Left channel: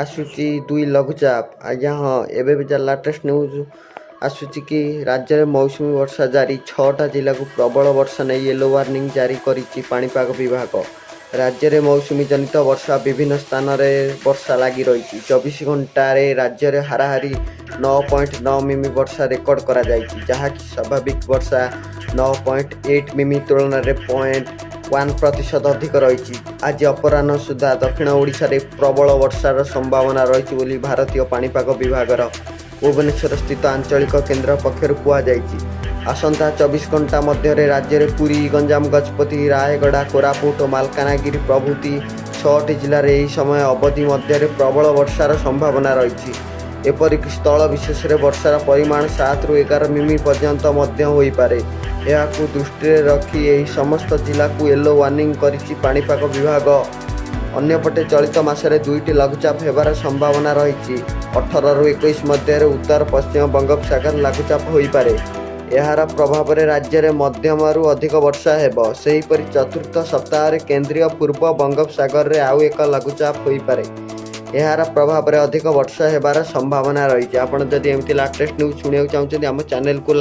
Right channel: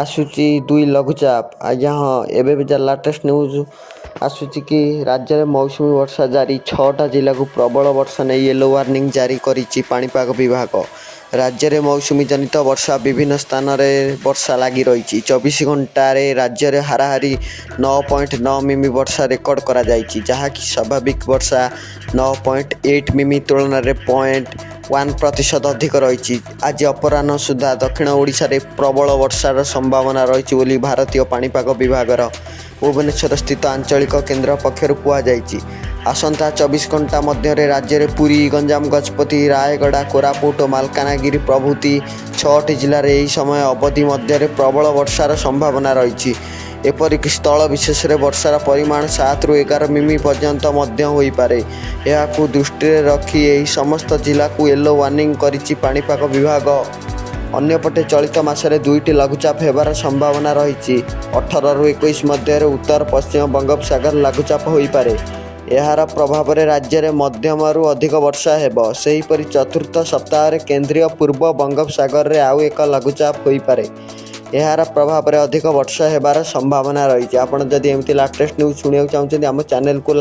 आसूची दुई लघुचाप आज्ञा हाँ एवं लाटेस्ट न्यूज आसूची कि राज्य में मौसुमी वर्षा जारी 6टा जिला को प्रबल वर्षा नहीं येलो वार्निंग जारी करिछि पाणीपाग विभाग। राज्य में मौसुमी जनित वर्षा विभिन्न स्थान में वर्षा लगी रही 24 घंटे राज्य में हाराहारी 9.9 मिमी वर्षा रेकर्ड करा जायछि, जहाँकि स्वाभाविक वर्षा 9.8 मिमी तुलन में 0.1% अधिक रही। आज अपराह्न सुधा दक्षिण ओडिशा रे प्रबल वर्षार संभावना रही बोली भारतीय पाणीपाग विभागर भुवनेश्वर स्थित आंचलिक केन्द्र पक्षर कहुଯାଇଛି। आसंता 24 घंटा मध्य राज्य में पुरी, गंजाम, गजपति, रायगड़ा, कोरापुट और मालकानगिरी प्रभृति 6टी जिले में यह समय अवधि मध्य प्रबल वर्षार संभावना रही। एपरिक स्थल विशेष वर्षार परिमाण 7 ରୁ 11 मिमी पर्यंत होईपारे। यहाकू दृष्टि रखी यही समस्त जिला को येलो वार्निंग करिछि पाणीपाग विभाग। अन्यपटे चलित मासरे 2टी लघुचाप हेबार संभावना रही। 18 ରୁ 21 मध्य उत्तर पश्चिम बंगोपसागर लघुचाप होईपारे। यार प्रभाव में राज्य में मध्यमरू अधिक वर्षा हेबो। सेहीपरि चतुर्थ सप्ताह केंद्रीय पूर्व बंगोपसागर में आउ एक लघुचाप होईपारे। यार प्रभाव में अधिक वर्षा हेबार संभावना रही। आपड़ जदि एमती लाटेस्ट न्यूज शुणा चाहते आम चैनल को